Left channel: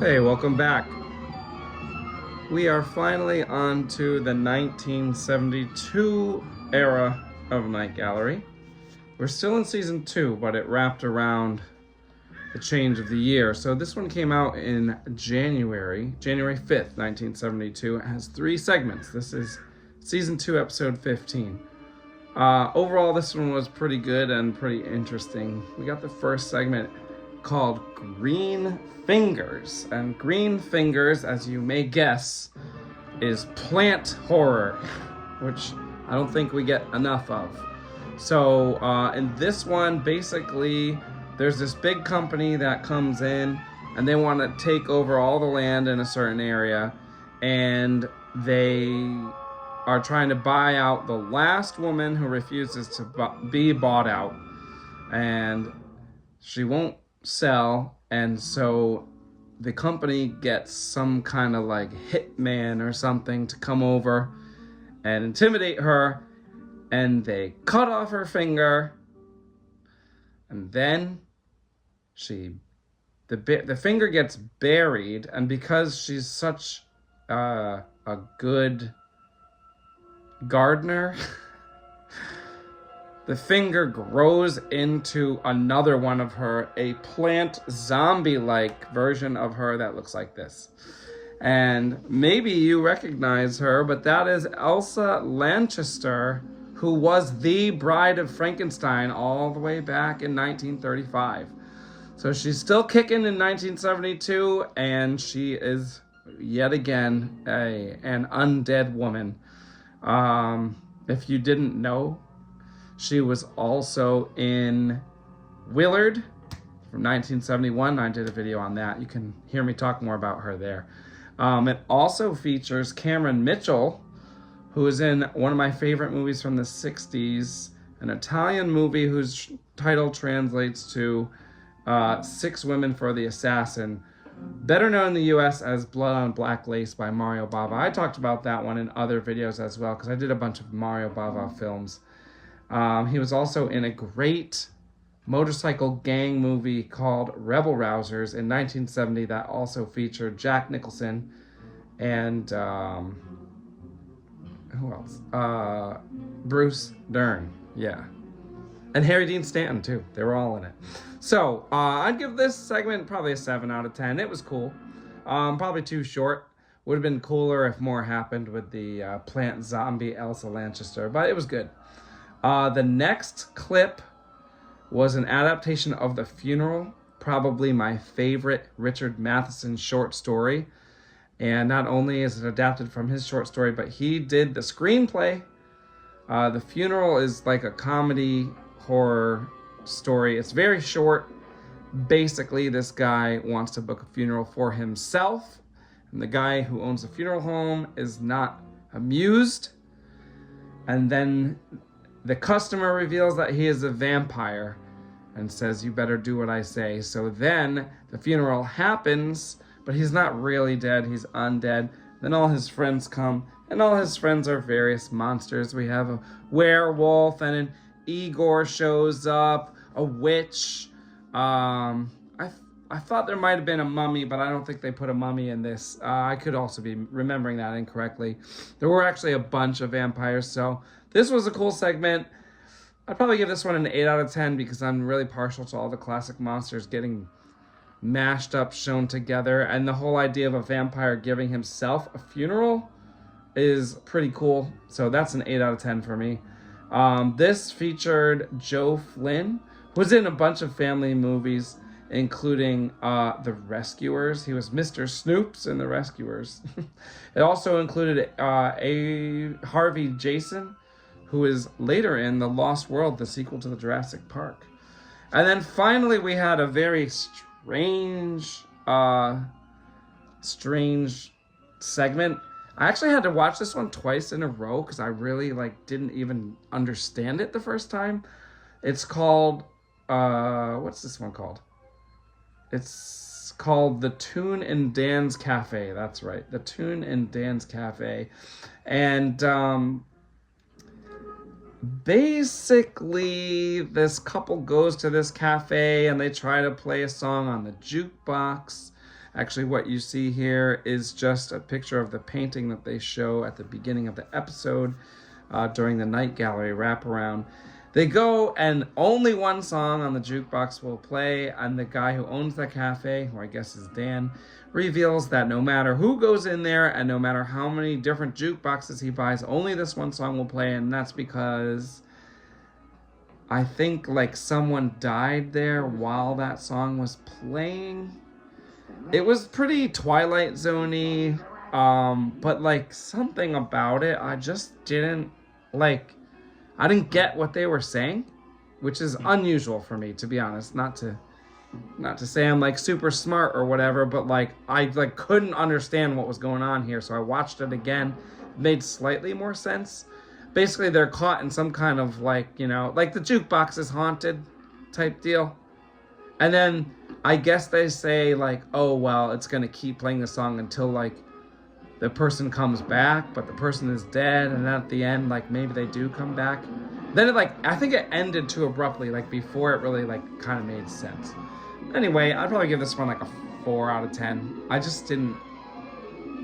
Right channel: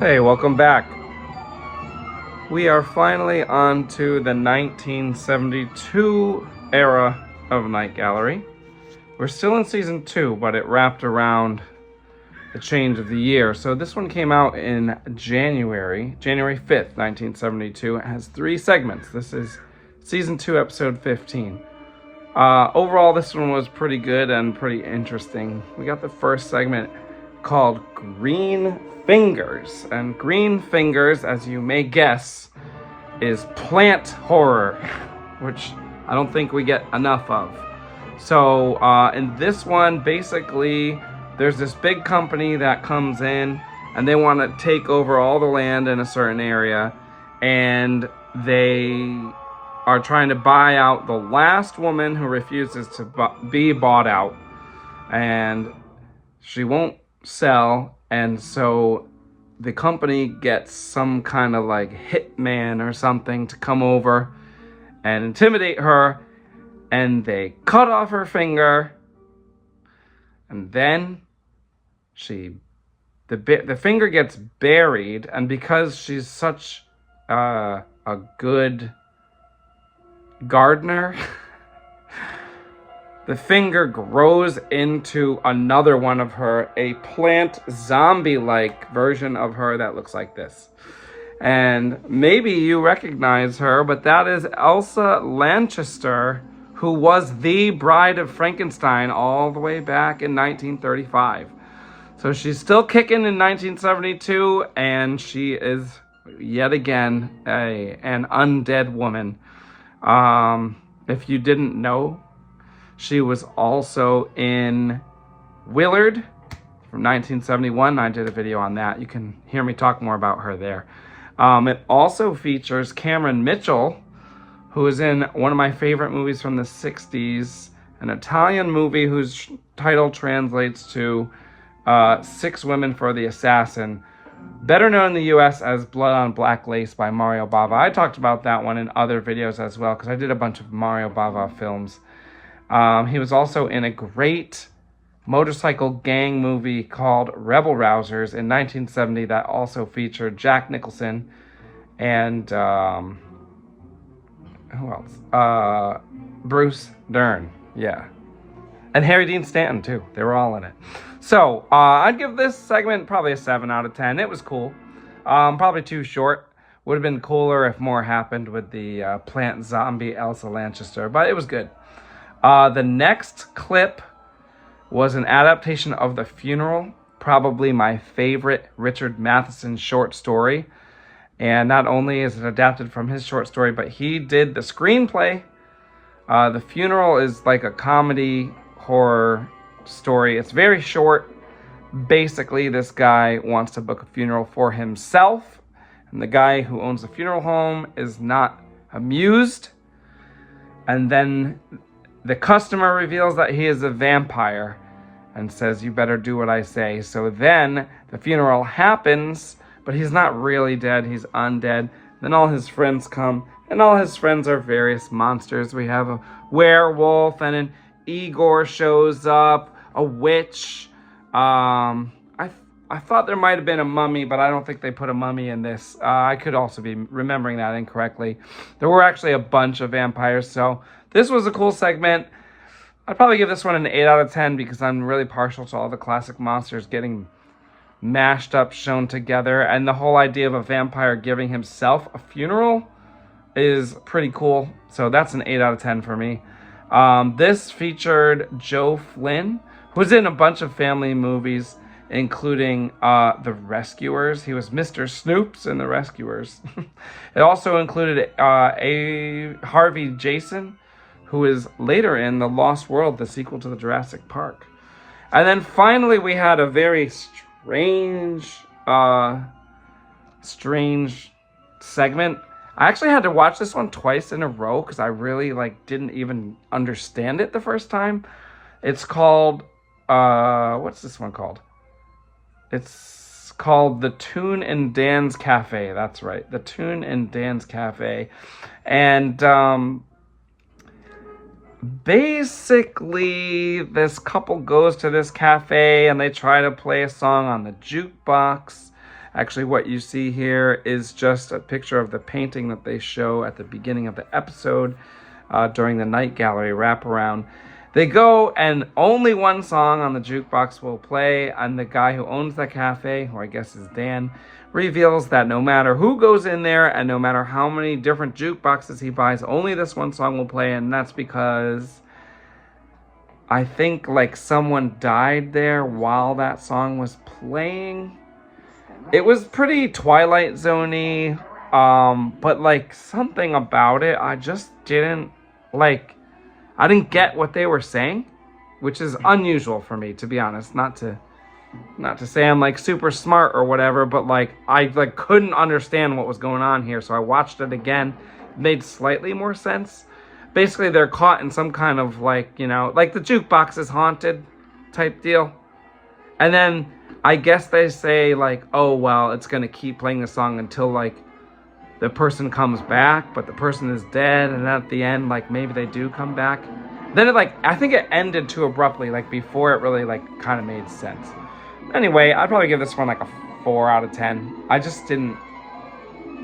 Hey, welcome back. We are finally on to the 1972 era of Night Gallery. We're still in season 2, but it wrapped around the change of the year. So this one came out in January 5th, 1972. It has 3 segments. This is season 2, episode 15. Overall, this one was pretty good and pretty interesting. We got the first segment called Green Fingers. And Green Fingers, as you may guess, is plant horror, which I don't think we get enough of. So in this one, basically, there's this big company that comes in and they want to take over all the land in a certain area, and they are trying to buy out the last woman who refuses to be bought out, and she won't sell. And so the company gets some kind of like hitman or something to come over and intimidate her, and they cut off her finger, and then the finger gets buried, and because she's such a good gardener, the finger grows into another one of her, a plant zombie-like version of her that looks like this. And maybe you recognize her, but that is Elsa Lanchester, who was the Bride of Frankenstein all the way back in 1935. So she's still kicking in 1972, and she is yet again an undead woman. If you didn't know, she was also in Willard from 1971. I did a video on that. You can hear me talk more about her there. It also features Cameron Mitchell, who is in one of my favorite movies from the 60s, an Italian movie whose title translates to 6 Women for the Assassin, better known in the US as Blood on Black Lace by Mario Bava. I talked about that one in other videos as well, because I did a bunch of Mario Bava films. He was also in a great motorcycle gang movie called Rebel Rousers in 1970 that also featured Jack Nicholson and who else? Bruce Dern, yeah. And Harry Dean Stanton too. They were all in it. So I'd give this segment probably a 7 out of 10. It was cool. Probably too short. Would have been cooler if more happened with the plant zombie Elsa Lanchester, but it was good. The next clip was an adaptation of The Funeral, probably my favorite Richard Matheson short story. And not only is it adapted from his short story, but he did the screenplay. The Funeral is like a comedy horror story. It's very short. Basically, this guy wants to book a funeral for himself, and the guy who owns the funeral home is not amused. And then the customer reveals that he is a vampire and says, "You better do what I say." So then the funeral happens, but he's not really dead, he's undead. Then all his friends come, and all his friends are various monsters. We have a werewolf, and an Igor shows up, a witch. I thought there might have been a mummy, but I don't think they put a mummy in this. I could also be remembering that incorrectly. There were actually a bunch of vampires, so this was a cool segment. I'd probably give this one an 8 out of 10 because I'm really partial to all the classic monsters getting mashed up, shown together. And the whole idea of a vampire giving himself a funeral is pretty cool. So that's an 8 out of 10 for me. This featured Joe Flynn, who's in a bunch of family movies, including The Rescuers. He was Mr. Snoops in The Rescuers. It also included a Harvey Jason, who is later in The Lost World, the sequel to the Jurassic Park. And then finally we had a very strange segment. I actually had to watch this one twice in a row because I really didn't even understand it the first time. It's called, what's this one called? It's called The Toon and Dan's Café. That's right, The Toon and Dan's Café. And basically this couple goes to this cafe and they try to play a song on the jukebox, Actually, what you see here is just a picture of the painting that they show at the beginning of the episode during the night gallery wraparound. They go and only one song on the jukebox will play, and the guy who owns the cafe, who I guess is Dan, reveals that no matter who goes in there and no matter how many different jukeboxes he buys, only this one song will play, and that's because I think like someone died there while that song was playing. It was pretty Twilight Zone-y, but like something about it, I just didn't like. I didn't get what they were saying, which is unusual for me, to be honest. Not to say I'm like super smart or whatever, but like I like couldn't understand what was going on here, so I watched it again. It made slightly more sense. Basically, they're caught in some kind of like, you know, like the jukebox is haunted type deal. And then I guess they say like, oh, well, it's going to keep playing the song until like the person comes back, but the person is dead. And then at the end, like maybe they do come back. Then it like, I think it ended too abruptly, like before it really like kind of made sense. Anyway, I'd probably give this one like a 4 out of 10. I didn't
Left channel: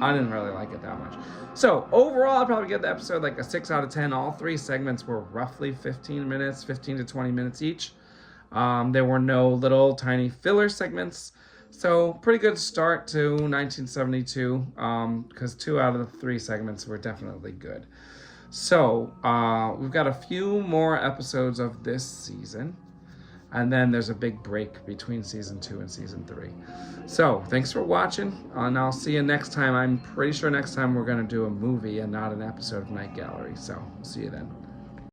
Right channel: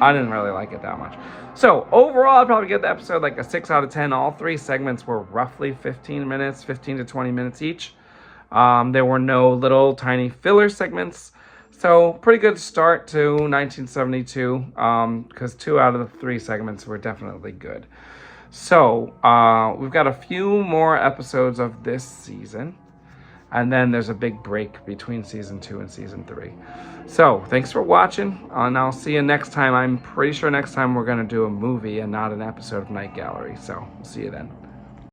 really like it that much. So overall, I'd probably give the episode like a 6 out of 10. All 3 segments were roughly 15 minutes, 15 to 20 minutes each. There were no little tiny filler segments. So pretty good start to 1972, because 2 out of the 3 segments were definitely good. So we've got a few more episodes of this season. And then there's a big break between season 2 and season 3. So thanks for watching, and I'll see you next time. I'm pretty sure next time we're going to do a movie and not an episode of Night Gallery. So we'll see you then.